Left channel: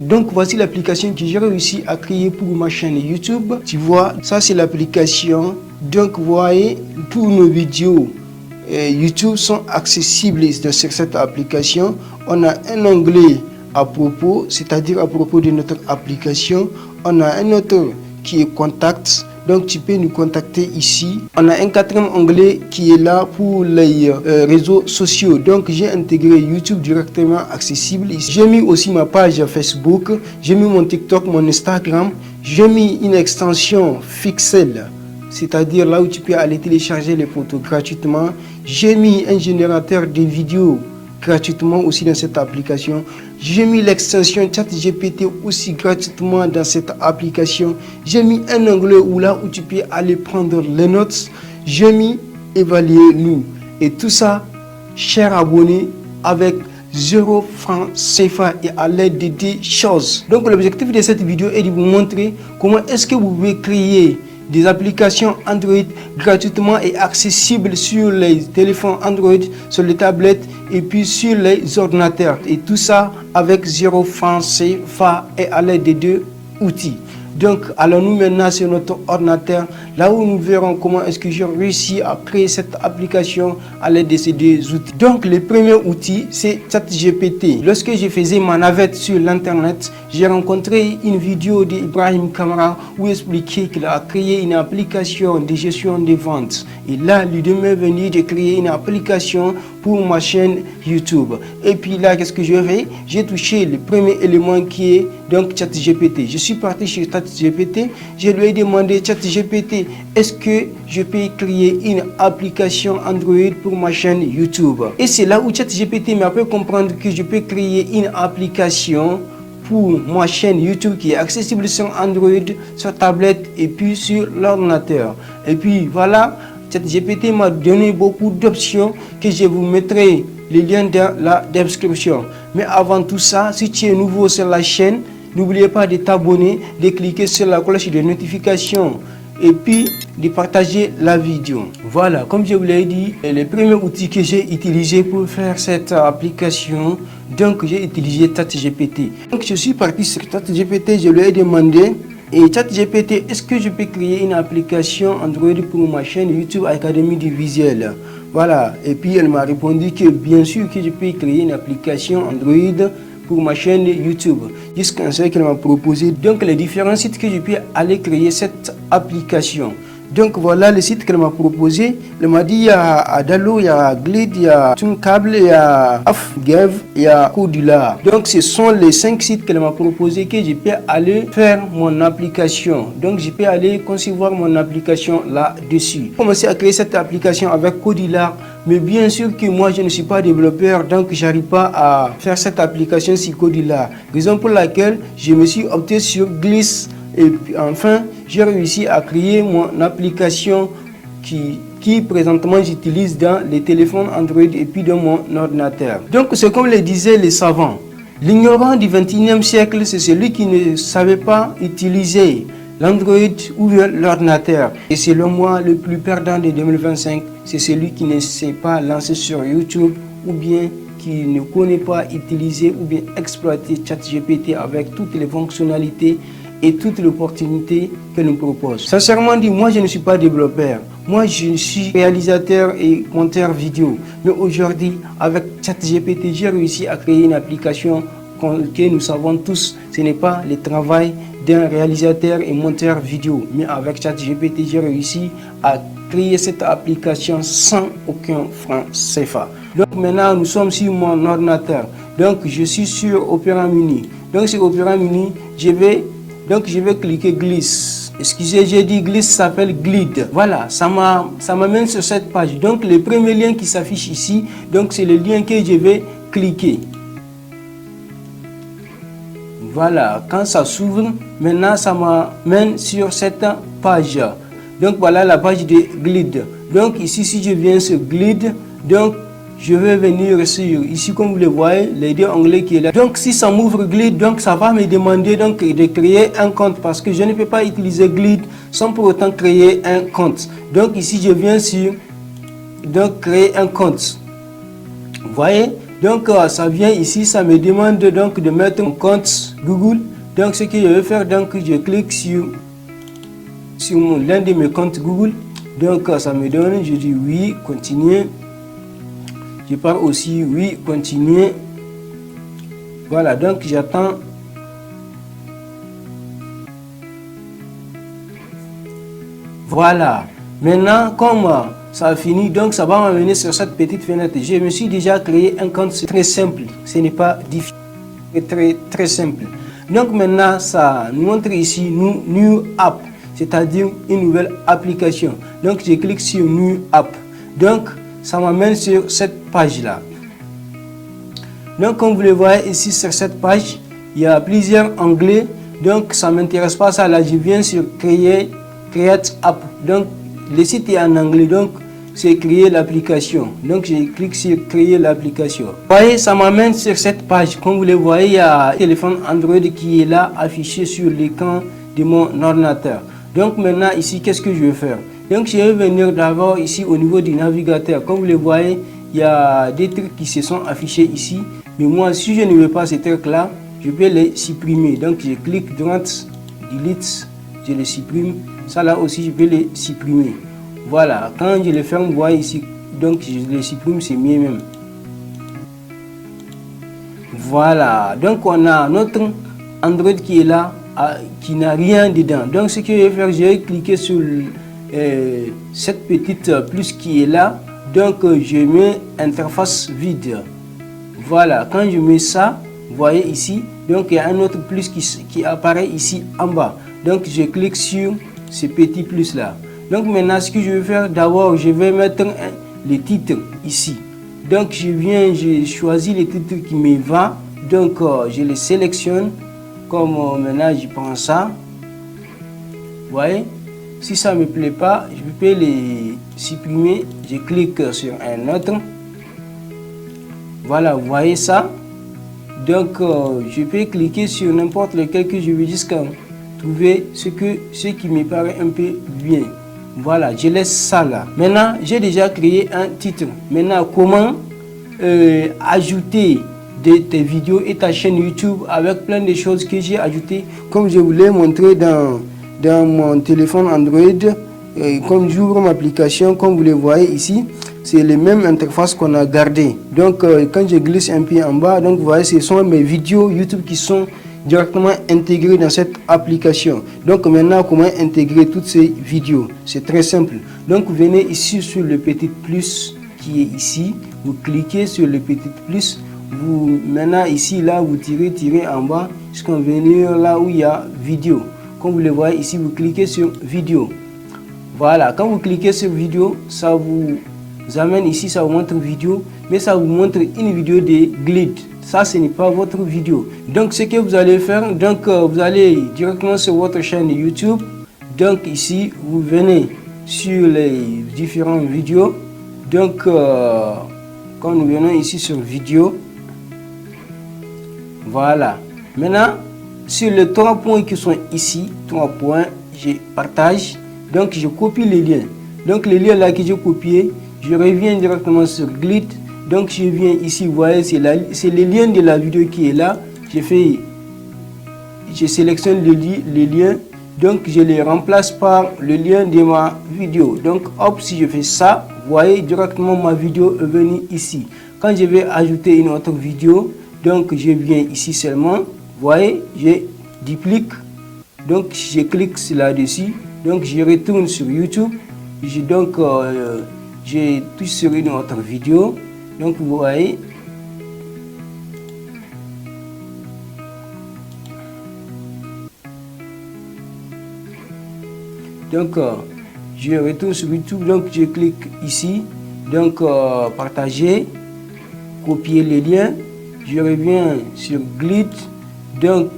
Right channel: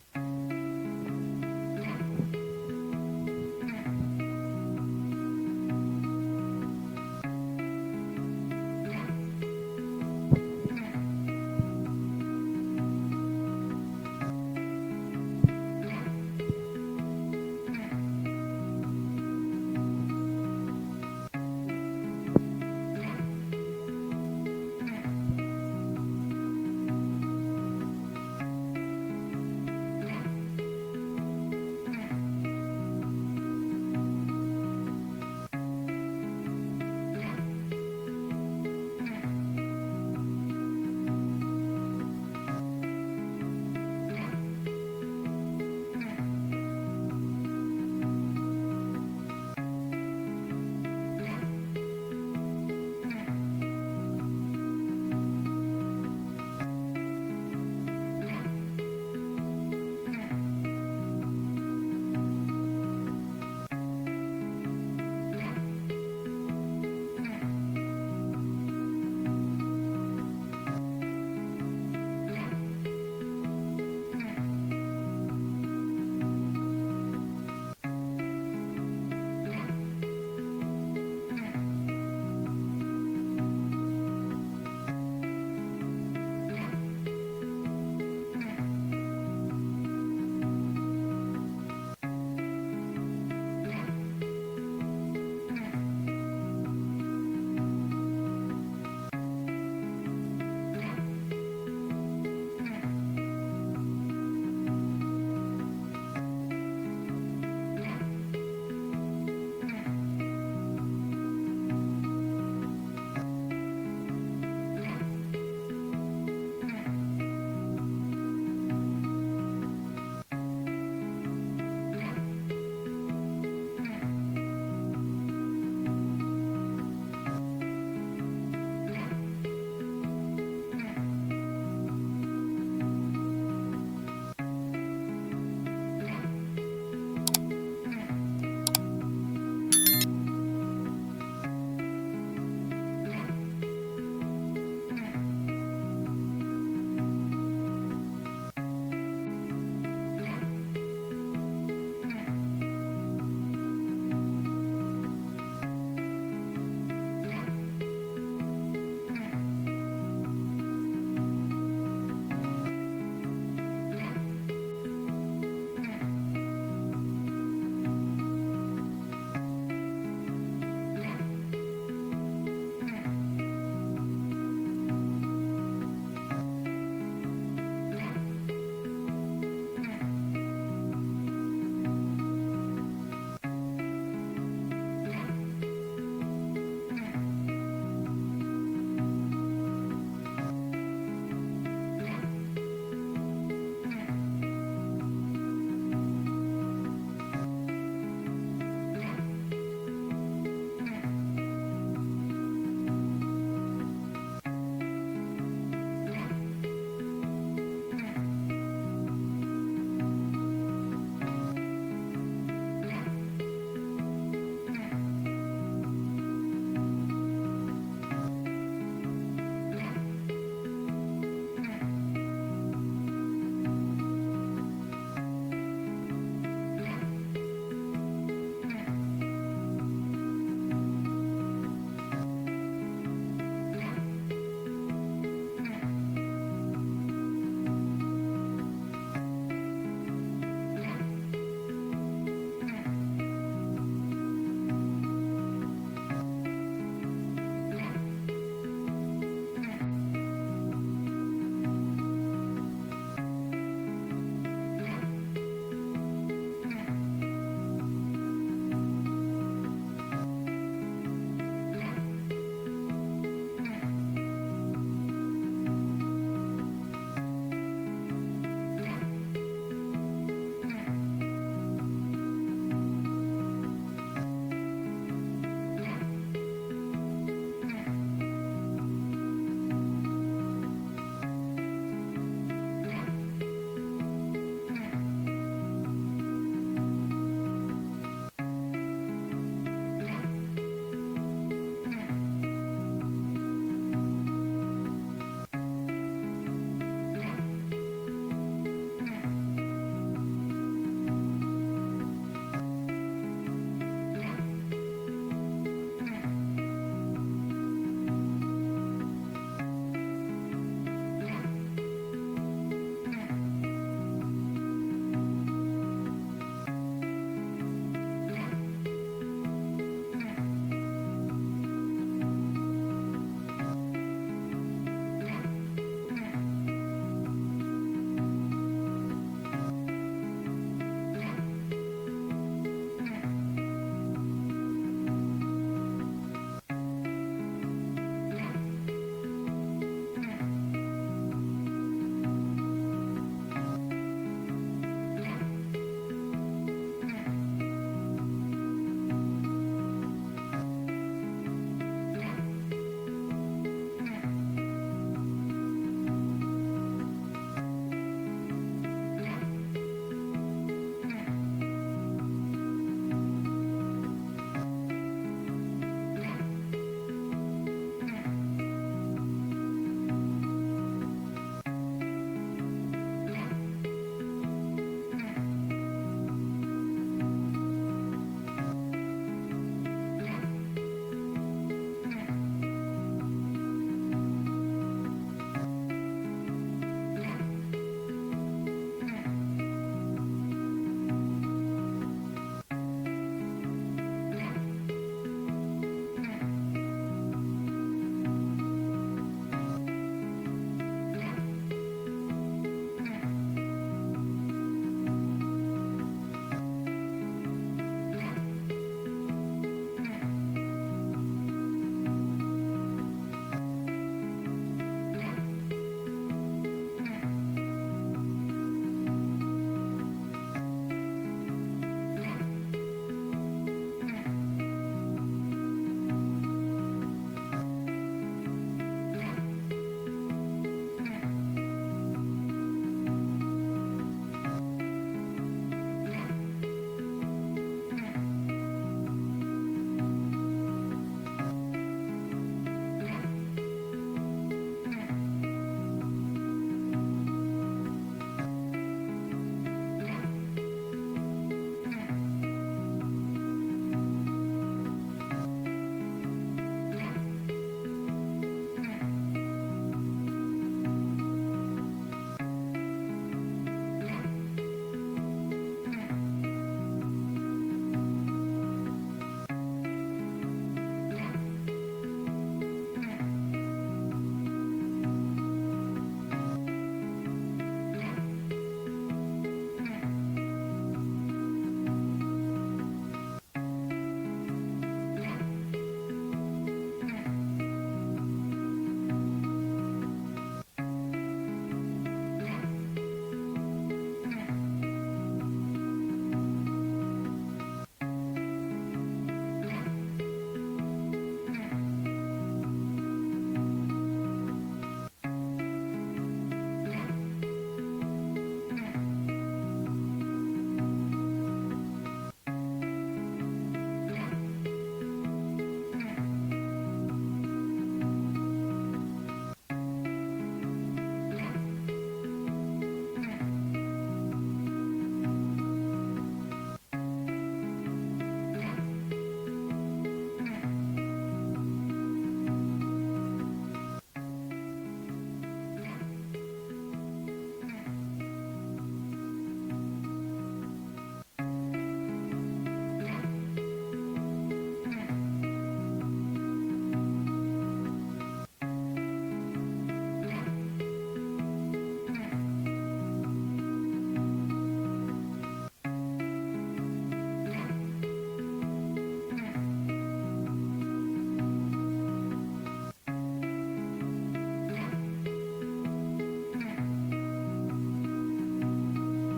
Donc voici l'application que j'ai réussi à créer pour ma chaîne YouTube. Tu vois, ça c'est l'application. Donc vous voyez, tous nos vidéos YouTube sont accessibles sur cette application. On a un onglet à propos, c'est-à-dire à propos de notre application. On a un autre qui est contact. Donc tu peux nous contacter ici. On a un quatrième onglet qui est là pour les réseaux sociaux. Donc j'ai intégré YouTube directement accessible ici. J'ai mis aussi ma page Facebook. J'ai mis mon TikTok, mon Instagram. J'ai mis une extension Pixel, c'est-à-dire là où tu peux aller télécharger les photos gratuitement. J'ai mis un générateur de vidéos gratuitement aussi dans cette application. J'ai mis l'extension ChatGPT aussi gratuitement dans cette application. J'ai mis un onglet où tu peux aller prendre les notes. J'ai mis évaluer nous. Et tout ça, chers abonnés, avec 0 francs CFA et à l'aide de des choses. Donc l'objectif de cette vidéo est de vous montrer comment est-ce que vous pouvez créer des applications Android gratuitement et accessibles sur les téléphones Android, sur les tablettes et puis sur les ordinateurs. Et tout ça avec 0 francs CFA et à l'aide de 2 outils. Donc allons-nous maintenant sur notre ordinateur, là où nous verrons comment est-ce que j'ai réussi à créer cette application à l'aide de ces deux outils. Donc le premier outil c'est ChatGPT. Lorsque je faisais ma navette sur l'internet, j'ai rencontré une vidéo d'Ibrahim Kamara où il expliquait qu'il a créé une application de gestion des ventes. Et là, l'idée m'est venue de créer une application pour ma chaîne YouTube. Et puis là, qu'est-ce que je fais? J'ai touché le premier élément qui est donc ChatGPT. Je suis parti chez ChatGPT, je lui ai demandé ChatGPT, est-ce que je peux créer une application Android pour ma chaîne YouTube? Et c'est là où ChatGPT m'a fait comprendre que je peux créer une application pour ma chaîne YouTube qui est accessible sur Android, sur tablette et puis sur l'ordinateur. Et puis voilà, ChatGPT m'a donné beaucoup d'options que je vous mettrai les liens dans la description. Mais avant tout ça, si tu es nouveau sur la chaîne, n'oubliez pas de t'abonner, de cliquer sur la cloche de notification et puis de partager la vidéo. Voilà, comme je vous l'ai dit, le premier outil que j'ai utilisé pour faire cette application, donc j'ai utilisé ChatGPT. Donc je suis parti sur ChatGPT, je lui ai demandé, et ChatGPT, est-ce que je peux créer une application Android pour ma chaîne YouTube Académie du Visuel? Voilà, et puis elle m'a répondu que bien sûr que je peux créer une application Android pour ma chaîne YouTube. Jusqu'à ce qu'elle m'a proposé donc les différents sites que je peux aller créer cette application. Donc voilà le site qu'elle m'a proposé. Elle m'a dit il y a Adalo, il y a Glide, il y a Tuncable, il y a Afgev, il y a Codula. Donc ce sont les 5 sites qu'elle m'a proposé que je peux aller faire mon application. Donc je peux aller concevoir mon application là-dessus. J'ai commencé à créer cette application avec Codula. Mais bien sûr que moi je ne suis pas développeur, donc j'arrive pas à faire cette application sur Codula. Raison pour laquelle je me suis opté sur Gliss. Et puis enfin, j'ai réussi à créer mon application qui présentement j'utilise dans les téléphones Android et puis dans mon ordinateur. Donc c'est comme le disaient les savants. L'ignorant du 21e siècle, c'est celui qui ne savait pas utiliser l'Android ou l'ordinateur. Et selon moi, le plus perdant de 2025, c'est celui qui ne sait pas lancer sur YouTube ou bien qui ne connaît pas utiliser ou bien exploiter ChatGPT avec toutes les fonctionnalités et toutes les opportunités qu'elle nous propose. Sincèrement dit, moi je ne suis pas développeur. Moi je suis réalisateur et monteur vidéo. Mais aujourd'hui, avec ChatGPT, j'ai réussi à créer une application que nous savons tous, ce n'est pas le travail d'un réalisateur et monteur vidéo. Mais avec ChatGPT, j'ai réussi à créer cette application sans aucun franc CFA. Donc maintenant, nous sommes sur mon ordinateur. Donc je suis sur Opera Mini. Donc sur Opera Mini, je vais cliquer Gliss. Excusez, j'ai dit Gliss s'appelle Glide. Voilà, ça m'amène sur cette page. Donc le premier lien qui s'affiche ici, donc c'est le lien que je vais cliquer. Voilà, quand ça s'ouvre, maintenant ça m'amène sur cette page. Donc voilà la page de Glide. Donc ici, si je viens sur Glide, donc je vais venir sur ici, comme vous le voyez, les deux onglets qui est là. Donc si ça m'ouvre Glide, donc ça va me demander donc de créer un compte parce que je ne peux pas utiliser Glide sans pour autant créer un compte. Donc ici je viens sur donc créer un compte. Vous voyez, Donc ça vient ici, ça me demande donc de mettre mon compte Google. Donc ce que je vais faire, donc je clique sur l'un de mes comptes Google. Donc ça me donne, je dis oui, continuer. Je pars aussi oui, continuer. Voilà, donc j'attends. Voilà. Maintenant, comme ça a fini, donc ça va m'amener sur cette petite fenêtre. Je me suis déjà créé un compte, c'est très simple. Ce n'est pas difficile, c'est très simple. Donc maintenant, ça nous montre ici New App, c'est-à-dire une nouvelle application. Donc je clique sur New App. Donc ça m'amène sur cette page-là. Donc comme vous le voyez ici sur cette page, il y a plusieurs onglets. Donc ça ne m'intéresse pas ça. Là, je viens sur Create App. Donc le site est en anglais, donc c'est créer l'application. Donc je clique sur créer l'application. Vous voyez, ça m'amène sur cette page. Comme vous le voyez, il y a un téléphone Android qui est là affiché sur l'écran de mon ordinateur. Donc maintenant ici, qu'est-ce que je vais faire? Donc je vais venir d'abord ici au niveau du navigateur. Comme vous le voyez, il y a des trucs qui se sont affichés ici. Mais moi, si je ne veux pas ces trucs là, je vais les supprimer. Donc je clique droite, delete, je les supprime. Ça là aussi, je vais les supprimer. Voilà, quand je les ferme, vous voyez ici, donc je les supprime, c'est mieux même. Voilà, donc on a notre Android qui est là, qui n'a rien dedans. Donc ce que je vais faire, je vais cliquer sur cette petite plus qui est là. Donc je mets interface vide. Voilà, quand je mets ça, vous voyez ici, donc il y a un autre plus qui apparaît ici en bas. Donc je clique sur ce petit plus là. Donc maintenant, ce que je vais faire, d'abord, je vais mettre les titres ici. Donc je choisis les titres qui me vont. Donc je les sélectionne. Comme maintenant, je prends ça. Vous voyez, si ça ne me plaît pas, je peux les supprimer. Je clique sur un autre. Voilà, vous voyez ça. Donc je peux cliquer sur n'importe lequel que je veux jusqu'à trouver ce qui me paraît un peu bien. Voilà, je laisse ça là. Maintenant, j'ai déjà créé un titre. Maintenant, comment ajouter tes vidéos et ta chaîne YouTube avec plein de choses que j'ai ajoutées. Comme je vous l'ai montré dans mon téléphone Android, comme j'ouvre mon application, comme vous le voyez ici, c'est les mêmes interfaces qu'on a gardées. Donc, quand je glisse un peu en bas, donc vous voyez, ce sont mes vidéos YouTube qui sont directement intégrées dans cette application. Donc maintenant, comment intégrer toutes ces vidéos? C'est très simple. Donc vous venez ici sur le petit plus qui est ici, vous cliquez sur le petit plus, maintenant ici là vous tirez en bas jusqu'à venir là où il y a vidéo. Comme vous le voyez ici, vous cliquez sur vidéo. Voilà, quand vous cliquez sur vidéo, ça vous amène ici, ça vous montre vidéo, mais ça vous montre une vidéo de glide. Ça, ce n'est pas votre vidéo. Donc, ce que vous allez faire, donc vous allez directement sur votre chaîne YouTube. Donc, ici, vous venez sur les différentes vidéos. Donc, quand nous venons ici sur vidéo, voilà. Maintenant, sur les 3 points qui sont ici, 3 points, je partage. Donc, je copie les liens. Donc, les liens là que j'ai copiés, je reviens directement sur Glide. Donc je viens ici, vous voyez, c'est le lien de la vidéo qui est là. Je sélectionne les liens, donc je les remplace par le lien de ma vidéo. Donc hop, si je fais ça, vous voyez directement ma vidéo est venue ici. Quand je vais ajouter une autre vidéo, donc je viens ici seulement, vous voyez, je duplique, donc je clique là-dessus, donc je retourne sur YouTube, je touche sur une autre vidéo. Donc vous voyez, donc je retourne sur YouTube, donc je clique ici, donc partager, copier les liens, je reviens sur Glide, donc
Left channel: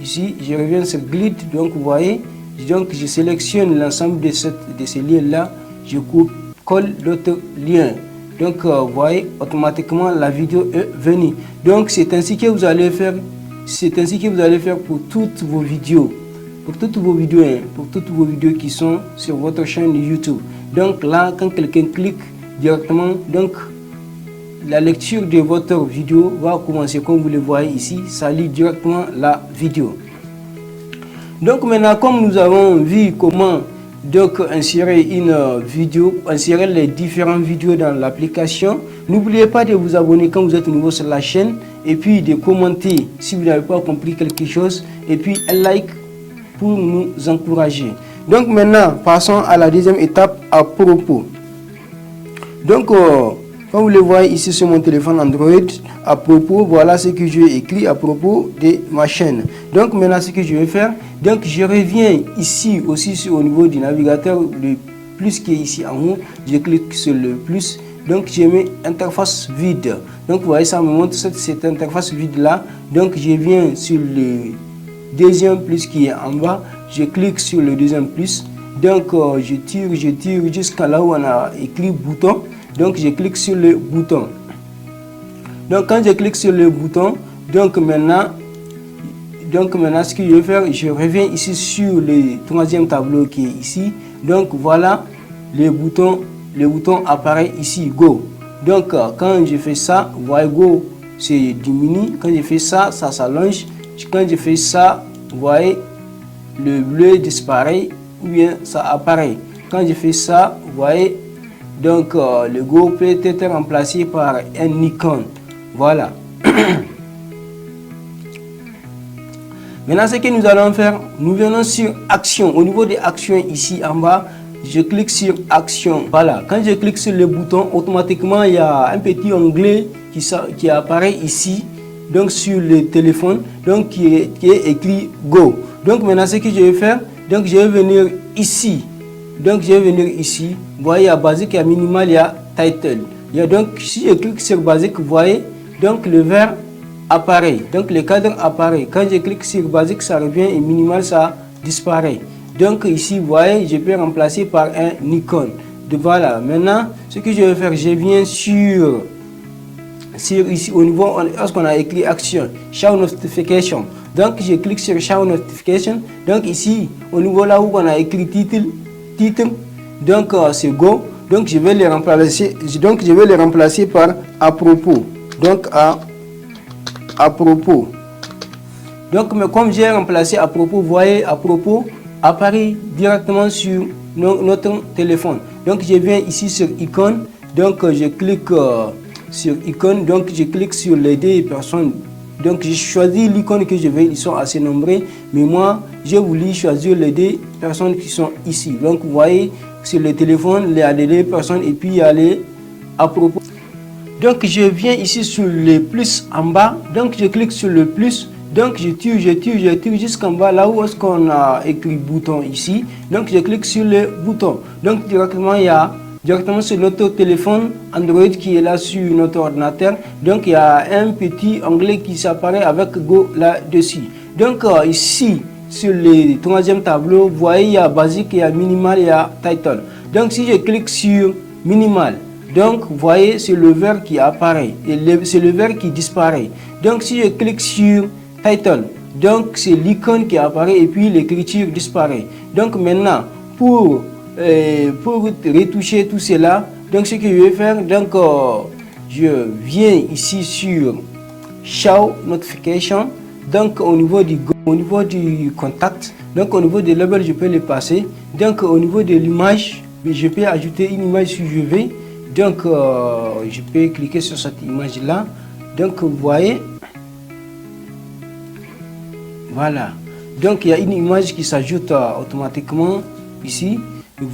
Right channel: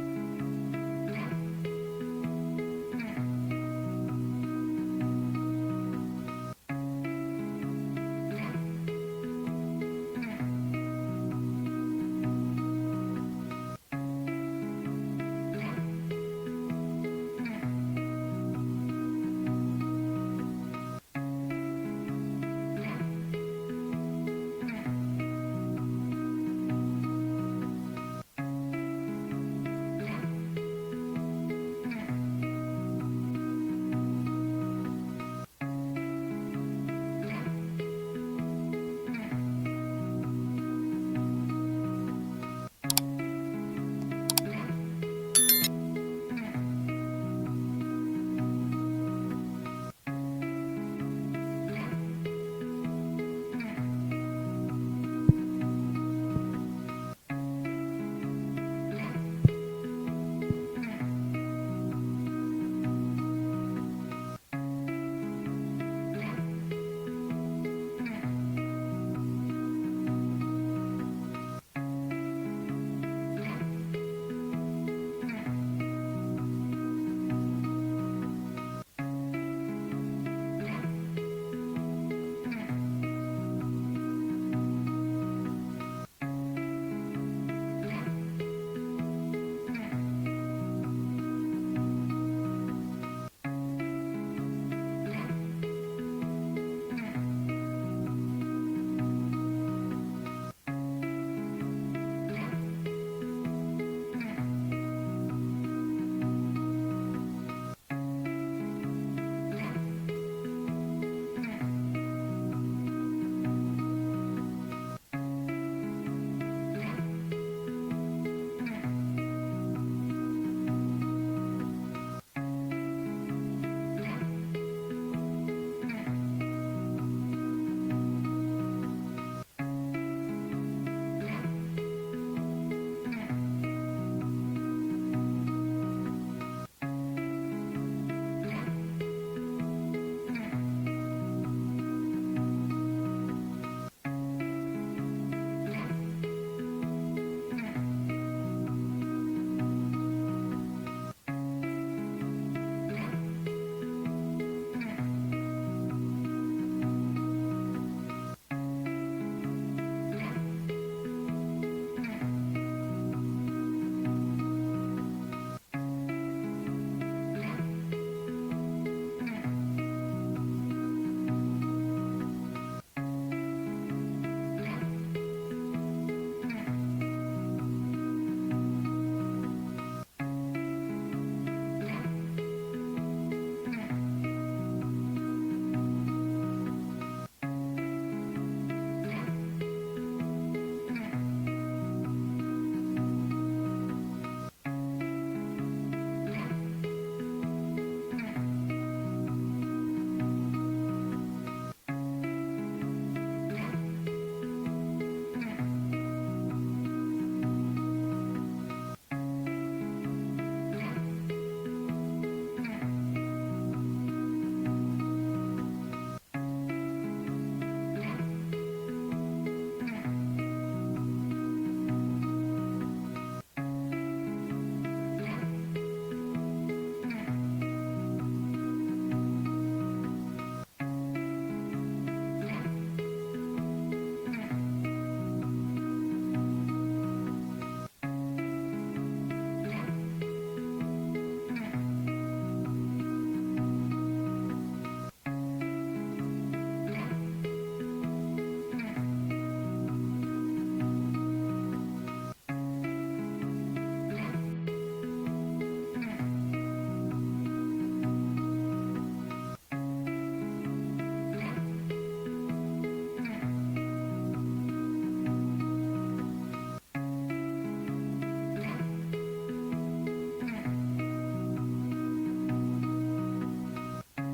ici je reviens sur Glide, donc vous voyez, donc je sélectionne l'ensemble de ces liens là, je colle d'autres liens. Donc vous voyez, automatiquement la vidéo est venue. Donc c'est ainsi que vous allez faire. C'est ainsi que vous allez faire pour toutes vos vidéos. Pour toutes vos vidéos qui sont sur votre chaîne YouTube. Donc là, quand quelqu'un clique directement, donc la lecture de votre vidéo va commencer comme vous le voyez ici, ça lit directement la vidéo. Donc maintenant, comme nous avons vu comment donc insérer une vidéo, insérer les différentes vidéos dans l'application, n'oubliez pas de vous abonner quand vous êtes nouveau sur la chaîne et puis de commenter si vous n'avez pas compris quelque chose et puis un like pour nous encourager. Donc maintenant, passons à la deuxième étape à propos. Donc, comme vous le voyez ici sur mon téléphone Android, à propos, voilà ce que j'ai écrit à propos de ma chaîne. Donc maintenant, ce que je vais faire, donc je reviens ici aussi au niveau du navigateur, le plus qui est ici en haut, je clique sur le plus, donc je mets interface vide. Donc vous voyez, ça me montre cette interface vide là. Donc je viens sur le deuxième plus qui est en bas, je clique sur le deuxième plus. Donc je tire jusqu'à là où on a écrit bouton. Donc je clique sur le bouton. Donc quand je clique sur le bouton, donc maintenant ce que je vais faire, je reviens ici sur le troisième tableau qui est ici. Donc voilà, le bouton apparaît ici, go. Donc quand je fais ça, vous voyez go, c'est diminue. Quand je fais ça, ça s'allonge. Quand je fais ça, vous voyez, le bleu disparaît ou bien ça apparaît. Quand je fais ça, vous voyez, donc le go peut être remplacé par un icône. Voilà. Maintenant, ce que nous allons faire, nous venons sur action. Au niveau des actions ici en bas, je clique sur action. Voilà. Quand je clique sur le bouton, automatiquement il y a un petit onglet qui apparaît ici, donc sur le téléphone, donc qui est écrit go. Donc maintenant, ce que je vais faire, donc je vais venir ici. Donc je vais venir ici. Vous voyez, il y a basique, il y a minimal, il y a title. Il y a donc, si je clique sur basique, vous voyez, donc le vert apparaît. Donc le cadre apparaît. Quand je clique sur basique, ça revient et minimal, ça disparaît. Donc ici, vous voyez, je peux remplacer par un icône. Donc voilà. Maintenant, ce que je vais faire, je viens sur ici au niveau, lorsqu'on a écrit action, show notification. Donc je clique sur show notification. Donc ici, au niveau là où on a écrit titre, donc c'est go. Donc je vais les remplacer par à propos. Donc à propos. Donc mais comme j'ai remplacé à propos, vous voyez, à propos apparaît directement sur notre téléphone. Donc je viens ici sur icône. Donc je clique sur icône. Donc je clique sur les deux personnes. Donc j'ai choisi l'icône que je veux, ils sont assez nombreux, mais moi j'ai voulu choisir les deux personnes qui sont ici. Donc vous voyez sur le téléphone, il y a les deux personnes et puis il y a les à propos. Donc je viens ici sur le plus en bas, donc je clique sur le plus, donc je tire jusqu'en bas là où est-ce qu'on a écrit bouton ici. Donc je clique sur le bouton. Donc directement il y a sur notre téléphone Android qui est là sur notre ordinateur. Donc il y a un petit onglet qui s'apparaît avec Go là-dessus. Donc ici sur le troisième tableau, vous voyez il y a basique, il y a minimal, il y a title. Donc si je clique sur minimal, donc vous voyez c'est le vert qui apparaît et c'est le vert qui disparaît. Donc si je clique sur title, donc c'est l'icône qui apparaît et puis l'écriture disparaît. Donc maintenant pour retoucher tout cela, donc ce que je vais faire, donc je viens ici sur show notification. Donc au niveau du contact, donc au niveau des labels je peux les passer. Donc au niveau de l'image, je peux ajouter une image si je veux. Donc je peux cliquer sur cette image là. Donc vous voyez, voilà. Donc il y a une image qui s'ajoute automatiquement ici.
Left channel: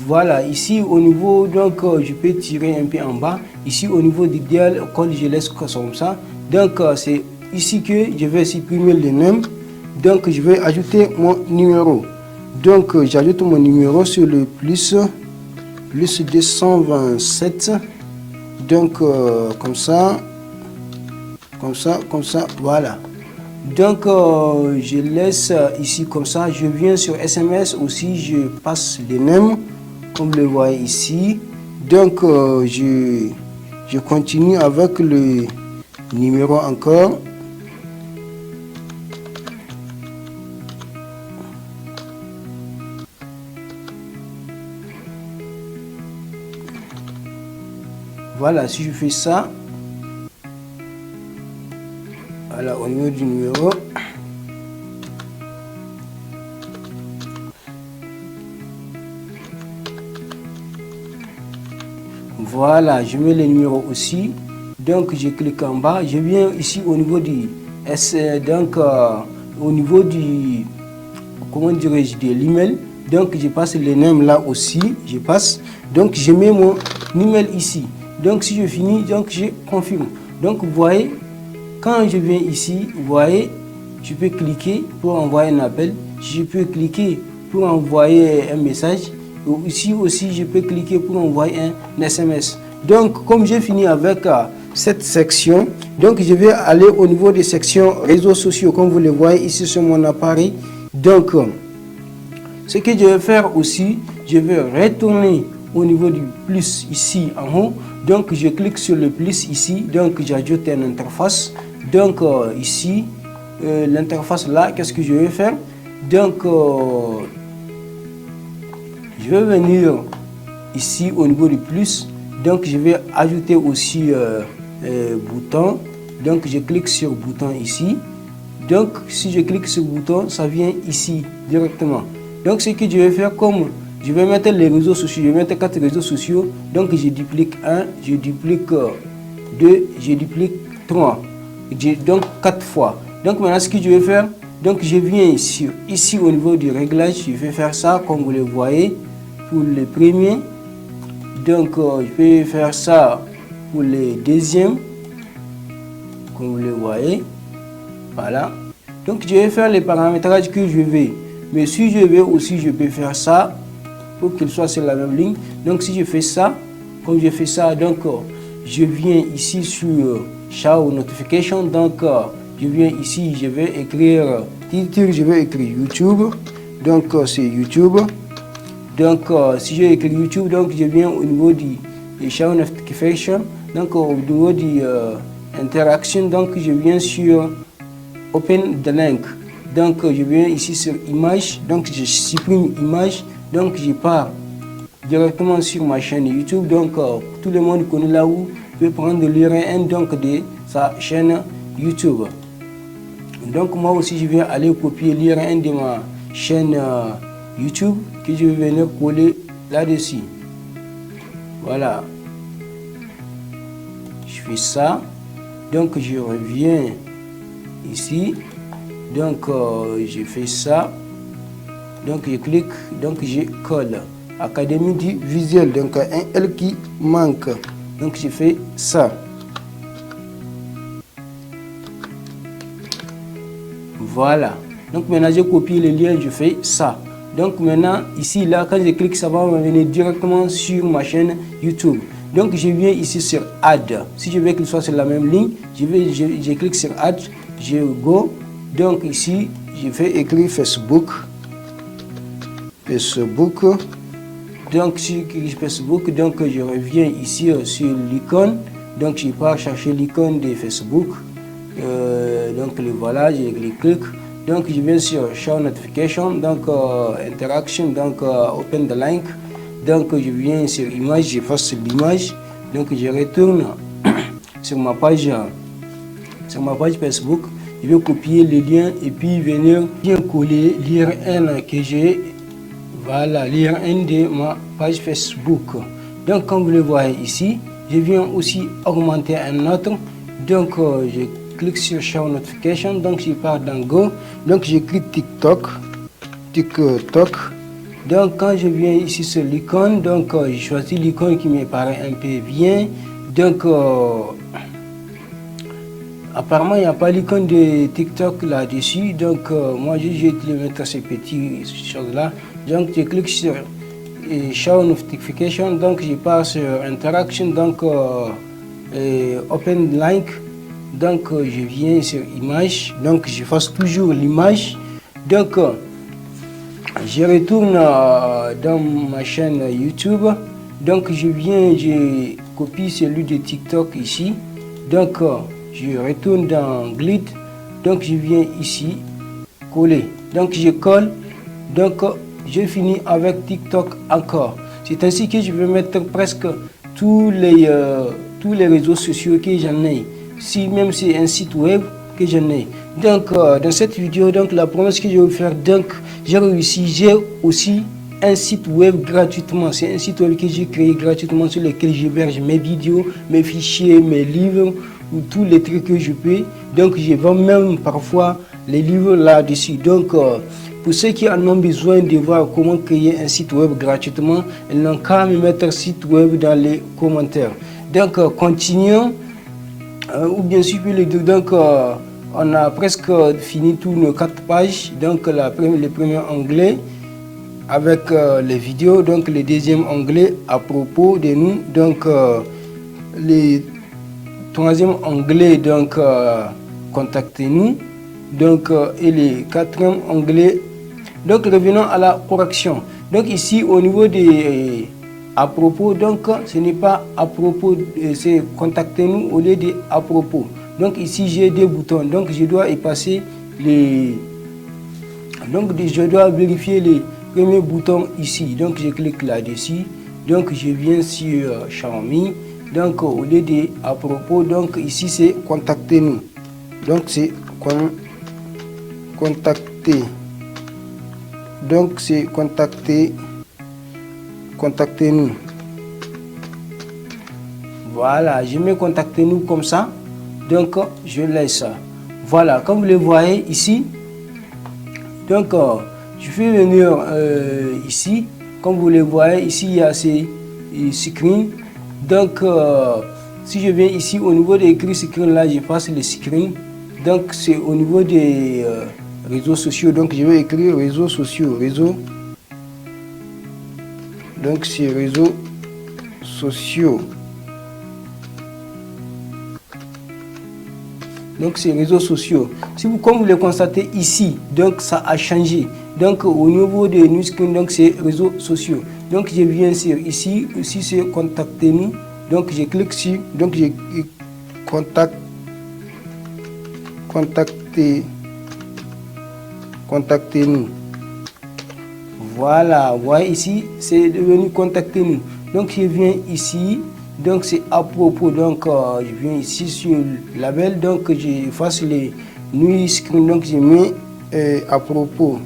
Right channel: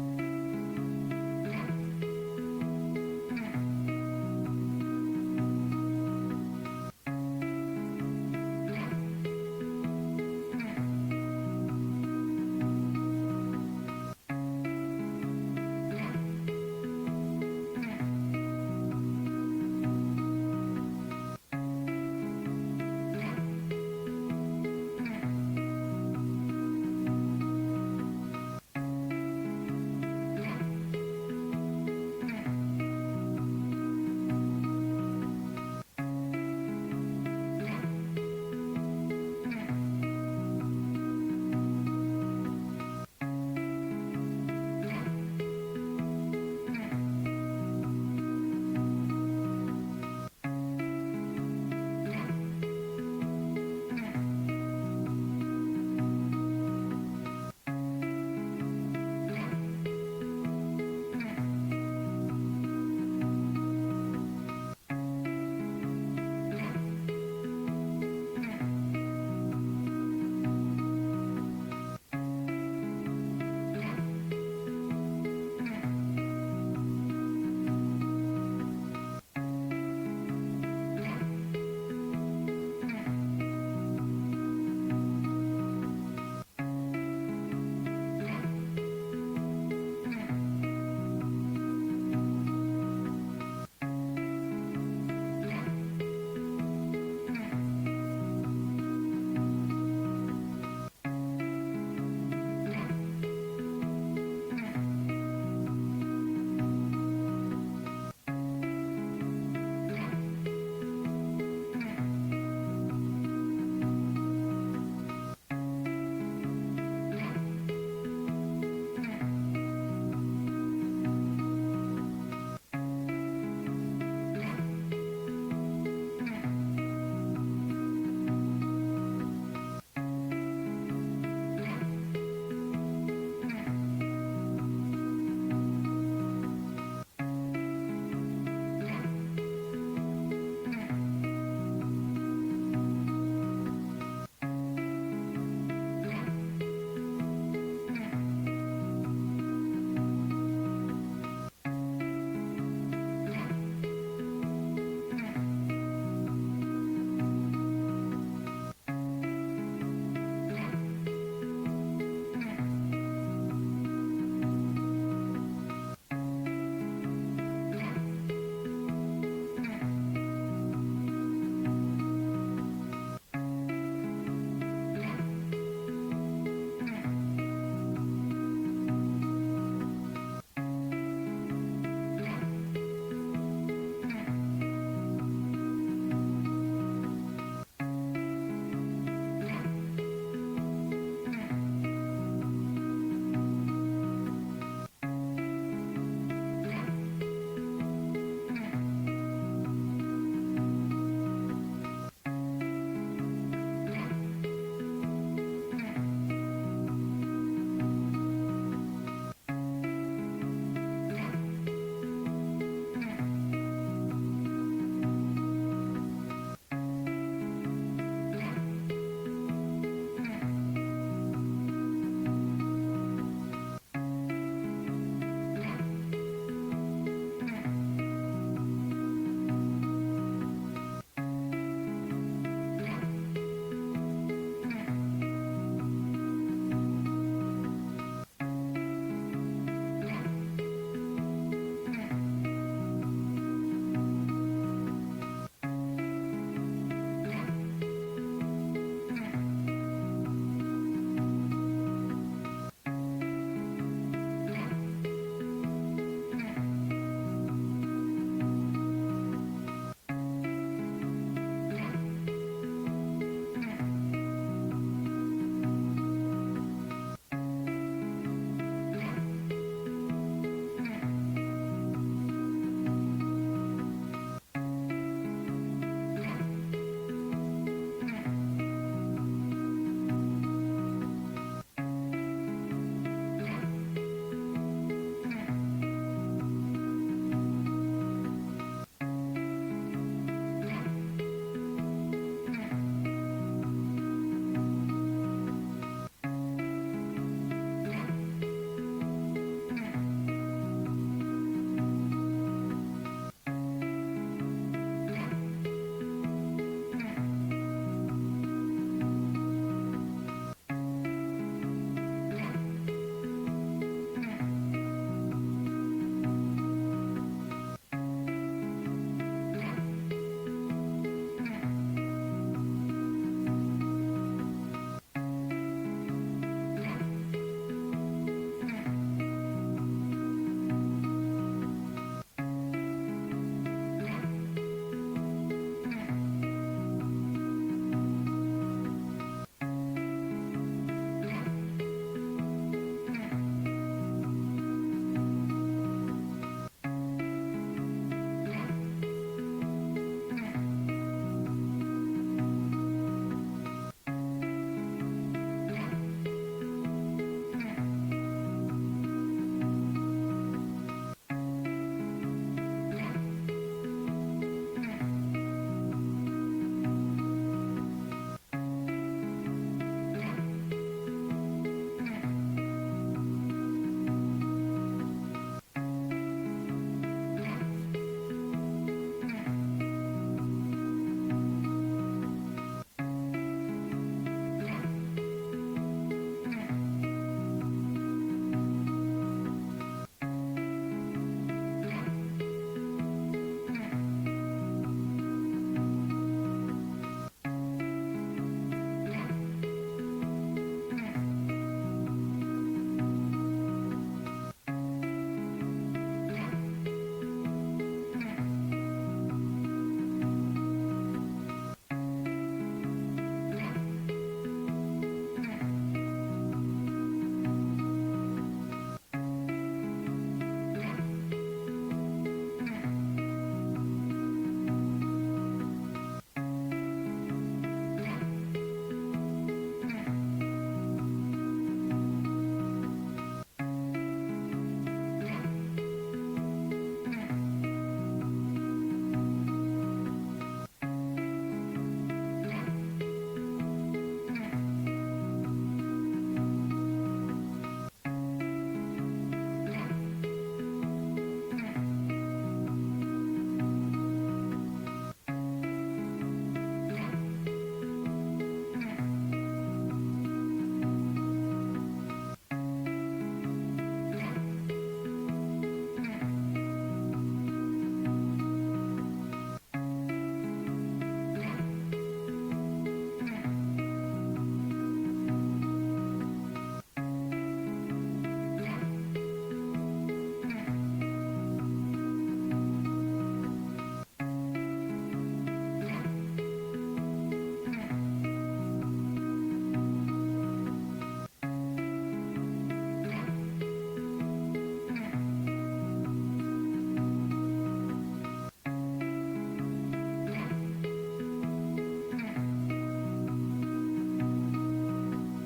Voilà, ici au niveau, donc je peux tirer un peu en bas. Ici au niveau du dial, je laisse comme ça. Donc c'est ici que je vais supprimer le nom. Donc je vais ajouter mon numéro. Donc j'ajoute mon numéro sur le plus 227. Donc comme ça, voilà. Donc je laisse ici comme ça. Je viens sur SMS aussi, je passe le nom comme vous le voyez ici. Donc je continue avec le numéro encore. Voilà, si je fais ça, niveau du numéro. Voilà, je mets le numéro aussi. Donc je clique en bas, je viens ici au niveau du au niveau du, comment dirais-je, de l'email. Donc je passe le nom là aussi, je passe. Donc je mets mon email ici. Donc si je finis, donc je confirme. Donc vous voyez, quand je viens ici, vous voyez, je peux cliquer pour envoyer un appel. Je peux cliquer pour envoyer un message. Ici aussi, je peux cliquer pour envoyer un SMS. Donc, comme j'ai fini avec cette section, donc je vais aller au niveau des sections réseaux sociaux, comme vous le voyez ici sur mon appareil. Donc, ce que je vais faire aussi, je vais retourner au niveau du plus ici en haut. Donc, je clique sur le plus ici. Donc, j'ajoute une interface. Donc, ici, l'interface là, qu'est-ce que je vais faire? Donc, je vais venir ici au niveau du plus. Donc, je vais ajouter aussi bouton. Donc, je clique sur bouton ici. Donc, si je clique sur bouton, ça vient ici directement. Donc, ce que je vais faire, comme je vais mettre les réseaux sociaux, je vais mettre 4 réseaux sociaux. Donc, je duplique 1, je duplique 2, je duplique 3. Donc, 4 fois. Donc, maintenant, ce que je vais faire, donc je viens ici au niveau du réglage, je vais faire ça comme vous le voyez pour le premier. Donc, je vais faire ça pour le deuxième, comme vous le voyez. Voilà. Donc, je vais faire les paramétrages que je veux. Mais si je veux aussi, je peux faire ça pour qu'il soit sur la même ligne. Donc, si je fais ça, comme je fais ça, donc je viens ici sur Show Notification. Donc, je viens ici, je vais écrire titre, je vais écrire YouTube. Donc, c'est YouTube. Donc, si je écris YouTube, donc je viens au niveau du Show Notification. Donc, au niveau du Interaction, donc je viens sur Open the Link. Donc, je viens ici sur Image. Donc, je supprime Image. Donc, je pars directement sur ma chaîne YouTube. Donc, tout le monde connaît là où je vais prendre l'URL donc de sa chaîne YouTube. Donc, moi aussi, je vais aller copier l'URL de ma chaîne YouTube que je vais venir coller là-dessus. Voilà. Je fais ça. Donc, je reviens ici. Donc, je fais ça. Donc, je clique. Donc, je colle. Académie du visuel. Donc, un L qui manque. Donc, je fais ça. Voilà. Donc, maintenant, j'ai copié le lien. Je fais ça. Donc, maintenant, ici, là, quand je clique, ça va me venir directement sur ma chaîne YouTube. Donc, je viens ici sur Add. Si je veux qu'il soit sur la même ligne, je clique sur Add. Je go. Donc, ici, je vais écrire Facebook. Facebook. Donc, si je clique Facebook, donc je reviens ici sur l'icône. Donc, je pars chercher l'icône de Facebook. Donc, le voilà, je clique. Donc, je viens sur Show Notification. Donc, Interaction. Donc, Open the Link. Donc, je viens sur Image, je fasse l'image. Donc, je retourne sur ma page Facebook. Je vais copier le lien et puis venir bien coller l'URL que j'ai. Voilà, l'URL de ma page Facebook. Donc, comme vous le voyez ici, je viens aussi augmenter un autre. Donc, je clique sur Show Notification. Donc, je pars dans Go. Donc, j'écris TikTok. TikTok. Donc, quand je viens ici sur l'icône, donc, je choisis l'icône qui me paraît un peu bien. Donc, apparemment, il n'y a pas l'icône de TikTok là-dessus. Donc, moi, je vais te mettre ces petites choses-là. Donc, je clique sur Show Notification. Donc, je pars sur Interaction. Donc, Open Link. Donc, je viens sur Image. Donc, je fasse toujours l'image. Donc, je retourne dans ma chaîne YouTube. Donc, je copie celui de TikTok ici. Donc, je retourne dans Grid. Donc, je viens ici, coller. Donc, je colle. Donc, je finis avec TikTok encore. C'est ainsi que je vais mettre presque tous les réseaux sociaux que j'en ai. Si même c'est un site web que j'en ai. Donc dans cette vidéo, donc la promesse que je vais vous faire, donc j'ai aussi un site web gratuitement. C'est un site web que j'ai créé gratuitement sur lequel j'héberge mes vidéos, mes fichiers, mes livres ou tous les trucs que je peux. Donc je vends même parfois les livres là-dessus. Donc pour ceux qui en ont besoin de voir comment créer un site web gratuitement, ils n'ont qu'à me mettre site web dans les commentaires. Donc continuons. Ou bien sûr le dire, donc on a presque fini tous nos 4 pages. Donc le premier onglet avec les vidéos, donc le deuxième onglet à propos de nous, donc le troisième onglet, donc contactez-nous, donc et le quatrième onglet. Donc revenons à la correction. Donc ici au niveau des à propos, donc ce n'est pas à propos, c'est contactez-nous au lieu de à propos. Donc ici j'ai des boutons, donc je dois effacer les, donc je dois vérifier les premiers boutons ici. Donc je clique là-dessus, donc je viens sur Xiaomi, donc au lieu de à propos, donc ici c'est contactez-nous, donc c'est contacter, donc c'est contactez-nous. Voilà, je mets contactez-nous comme ça, donc je laisse ça. Voilà, comme vous le voyez ici, donc je vais venir ici, comme vous le voyez ici, il y a ces screens. Donc si je viens ici au niveau des écrits screen là, je passe les screens. Donc c'est au niveau des réseaux sociaux, donc je vais écrire réseaux sociaux, donc c'est réseaux sociaux. Donc c'est réseaux sociaux. Si vous, comme vous le constatez ici, donc ça a changé. Donc au niveau de new screen, donc c'est réseaux sociaux. Donc je viens sur ici c'est contactez-nous. Donc je clique sur, donc je contactez-nous. Voilà, vous voyez ici, c'est devenu contactez-nous. Donc je viens ici, donc c'est à propos, donc je viens ici sur le label, donc j'efface les new screen, donc je mets à propos.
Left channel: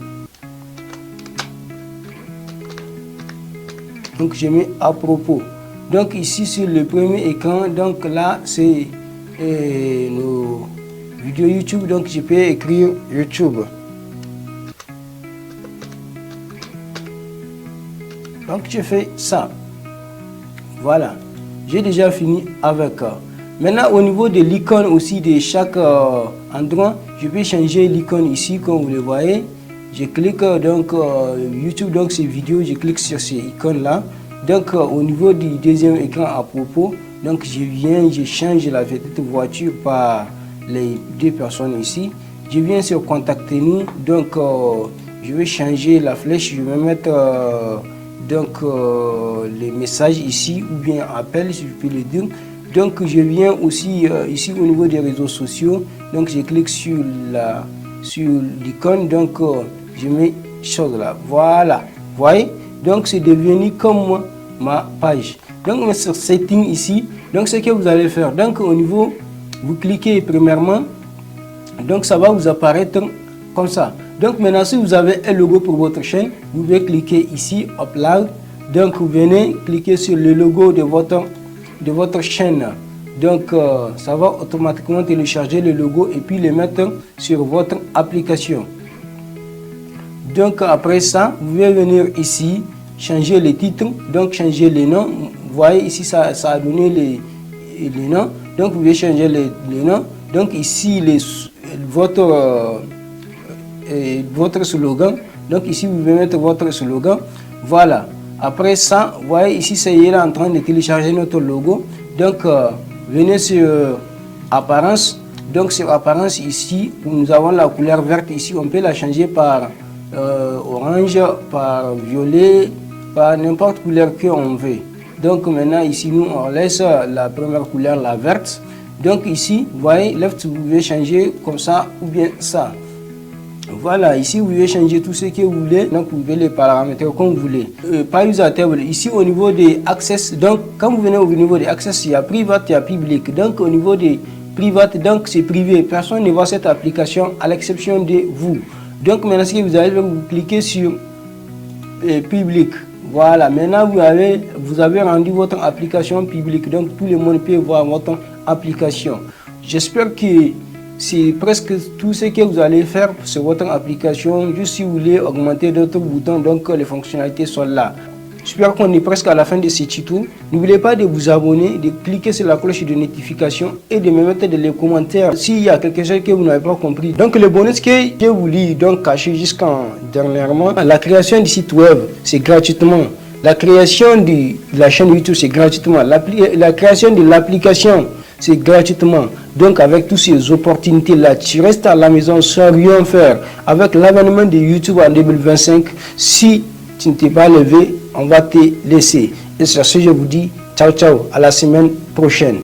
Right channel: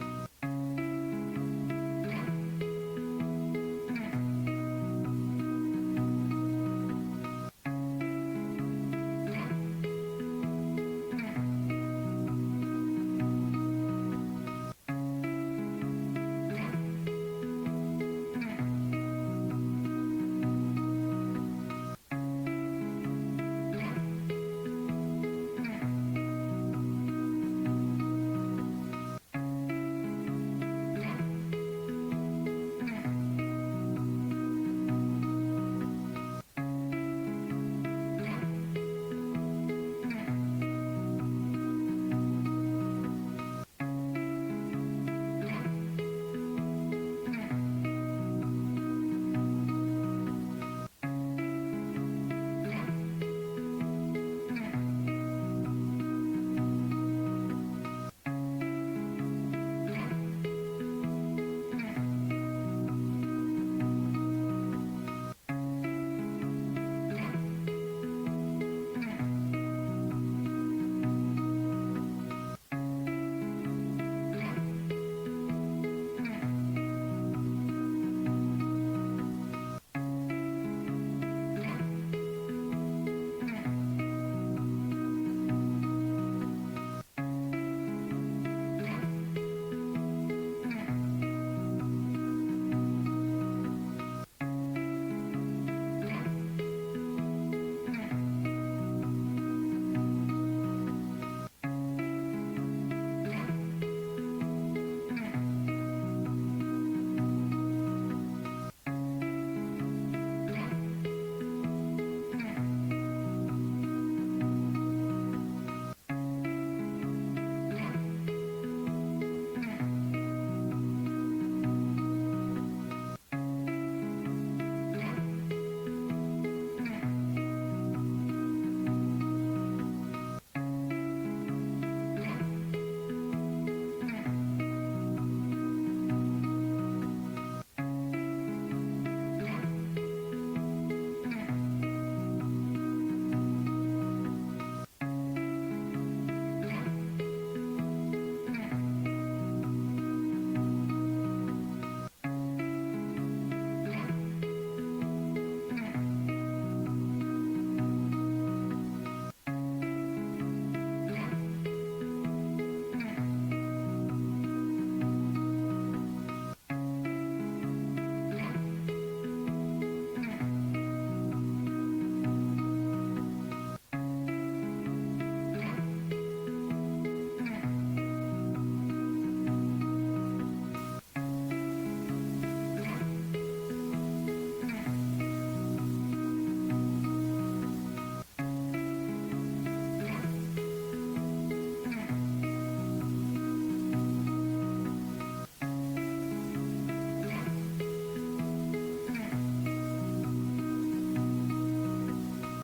Donc je mets à propos. Donc ici sur le premier écran, donc là c'est nos vidéos YouTube, donc je peux écrire YouTube. Donc je fais ça. Voilà, j'ai déjà fini avec. Maintenant au niveau de l'icône aussi de chaque endroit, je peux changer l'icône ici comme vous le voyez. Je clique donc YouTube, donc ces vidéos, je clique sur ces icônes là. Donc au niveau du deuxième écran à propos, donc je change la petite voiture par les deux personnes ici. Je viens sur contactez-nous, donc je vais changer la flèche, je vais mettre donc les messages ici ou bien appel si je peux le dire. Donc je viens aussi ici au niveau des réseaux sociaux, donc je clique sur l'icône, donc je mets chose là, voilà, vous voyez, donc c'est devenu comme ma page. Donc sur setting ici, donc ce que vous allez faire, donc au niveau, vous cliquez premièrement, donc ça va vous apparaître comme ça. Donc maintenant si vous avez un logo pour votre chaîne, vous pouvez cliquer ici upload, donc vous venez cliquer sur le logo de votre chaîne. Donc ça va automatiquement télécharger le logo et puis le mettre sur votre application. Donc après ça, vous pouvez venir ici, changer les titres, donc changer les noms. Vous voyez ici ça a donné les noms, donc vous pouvez changer les noms. Donc ici votre slogan, donc ici vous pouvez mettre votre slogan. Voilà, après ça, vous voyez ici ça y est en train de télécharger notre logo. Donc venez sur apparence, donc sur apparence ici nous avons la couleur verte ici, on peut la changer par orange, par violet, par n'importe quelle couleur que on veut. Donc maintenant ici nous on laisse la première couleur, la verte. Donc ici vous voyez left, vous pouvez changer comme ça ou bien ça. Voilà, ici vous pouvez changer tout ce que vous voulez, donc vous pouvez les paramétrer comme vous voulez. Par user table, ici au niveau des access, donc quand vous venez au niveau des access, il y a private, il y a public. Donc au niveau des private, donc c'est privé. Personne ne voit cette application à l'exception de vous. Donc maintenant, ce que vous allez faire, vous cliquez sur public. Voilà, maintenant vous avez rendu votre application publique, donc tout le monde peut voir votre application. J'espère que c'est presque tout ce que vous allez faire sur votre application. Juste si vous voulez augmenter d'autres boutons, donc les fonctionnalités sont là. J'espère qu'on est presque à la fin de ce tuto. N'oubliez pas de vous abonner, de cliquer sur la cloche de notification et de me mettre dans les commentaires s'il y a quelque chose que vous n'avez pas compris. Donc le bonus que je vous lis, donc caché jusqu'en dernièrement, la création du site web, c'est gratuitement. La création de la chaîne YouTube, c'est gratuitement. La création de l'application, c'est gratuitement. Donc avec toutes ces opportunités-là, tu restes à la maison sans rien faire. Avec l'avènement de YouTube en 2025, si tu ne t'es pas levé, on va te laisser. Et sur ce, je vous dis ciao ciao, à la semaine prochaine.